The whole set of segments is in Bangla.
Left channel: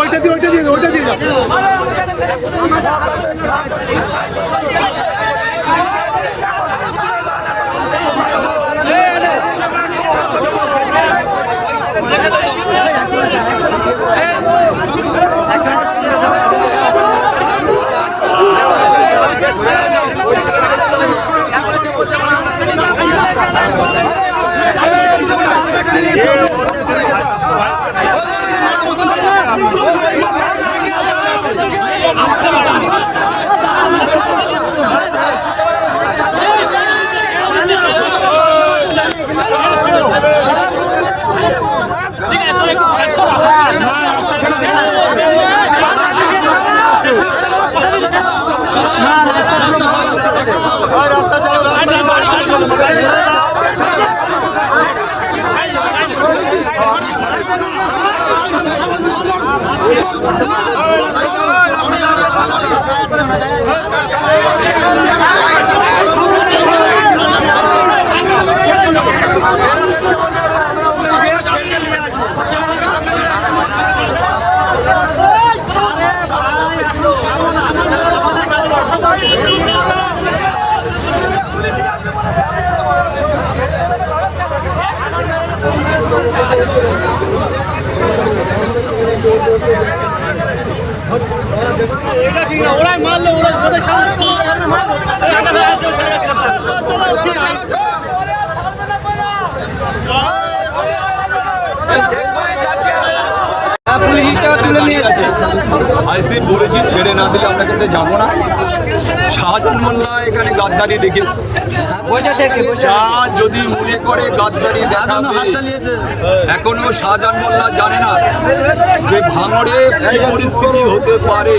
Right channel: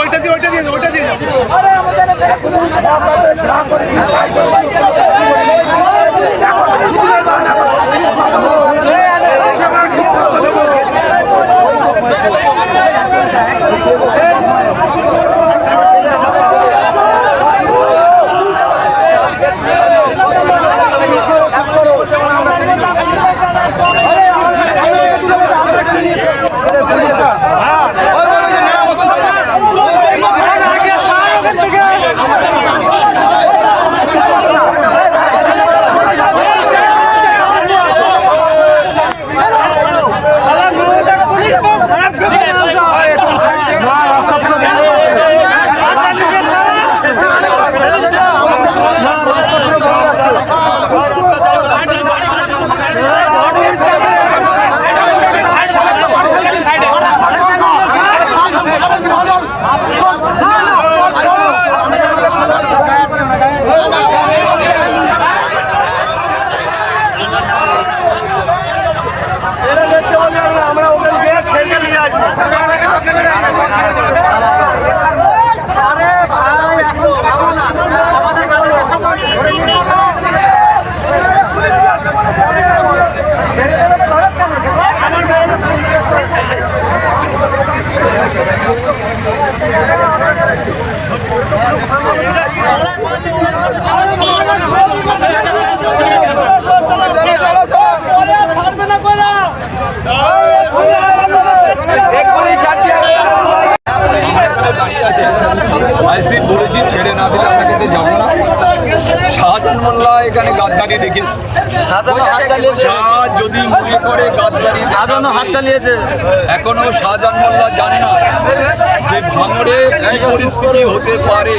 ওইটা দিয়ে আইসি বলেছি ছেড়ে না দিলে আমরা কিন্তু যাবো না। শাহজাহান মোল্লা এখানে গাদ্দারি দেখিয়েছে। যদি মনে করে গাদ্দারি হাত চালিয়েছে, এখনো শাহজাহান মোল্লা জানে না যে ভাঙড়ে কি পরিস্থিতি হতে পারে।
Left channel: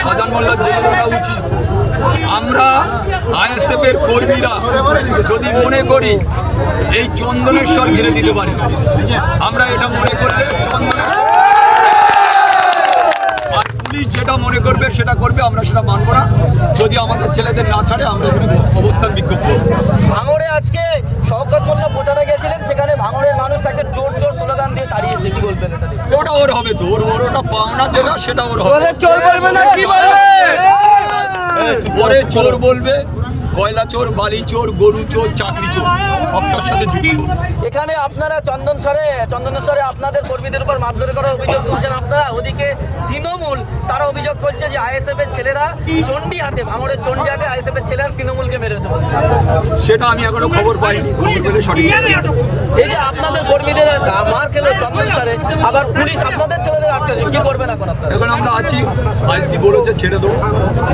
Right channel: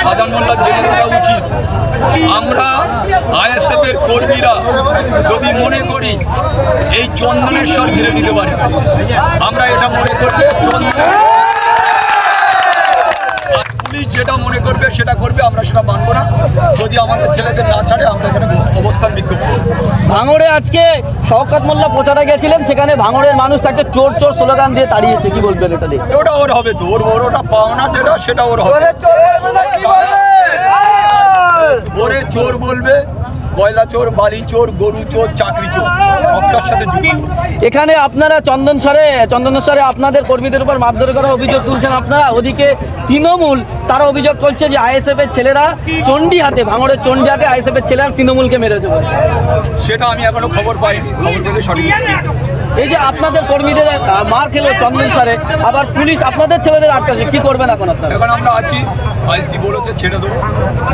শাহজাহান মোল্লা জেনে রাখা উচিত। আমরা আইএসএফ এর কর্মীরা যদি মনে করি এই চন্দনেশ্বর ঘিরে দিতে পারি, আমরা এটা মনে করলে চন্দনের যেটা মনে করবে সেটা করবে, আমরা সেটা মানবো না। যদি আমাদের ছেলেদের না ছাড়ে আমরা এখানে অবস্থান বিক্ষোভ করব। ভাঙড়ে আজকে শওকত মোল্লা প্রচারে গেছিলেন, সেখানে ভাঙড়ের মানুষ তাকে চোর চোর স্লোগান দিয়ে তাড়িয়েছে, কি বলবেন এটা দিয়ে? ওটা ওর হবে তো, ওর ওটা পাওনা যেটা সেটা ওর হবে। ওরে চোর বলবে, কয়লা চোর, বালি চোর, গরু চোর, চাকরি চোর, সবটার সাথে যুক্ত। এখানে আপনারা চন্দনেশ্বরে আপনাদের কর্মীদের উপর মারধর করার অভিযোগ তুলছেন আপনারা। ওদিকে তৃণমূল তারা অভিযোগ করছে যে আইএসএফ এর ছেলেরা চণ্ডীহাটে, ভাঙড়ের চণ্ডীহাটে আইএসএফ এর ছেলেরা তৃণমূলকে মেরেছে। সেটা আমি এখনো খবর পাইনি, খবর পেলে সঠিক। এই যে আপনাদের কর্মীদের মার খেলো চন্দনেশ্বরে, আবার পুলিশ আপনাদের ছেলেদের আটকাছে, কি করবেন এখন আপনারা? এখন আমরা আছি, আইসি বলেছে ছেড়ে দেবো,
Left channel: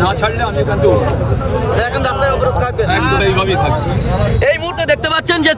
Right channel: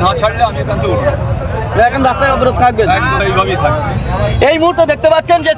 না ছাড়লে আমি এখান থেকে উঠবো। এখন রাস্তায় অবরোধ থাকবে, একদম এইভাবেই থাকবে। এই মুহূর্তে দেখতে পাচ্ছেন যে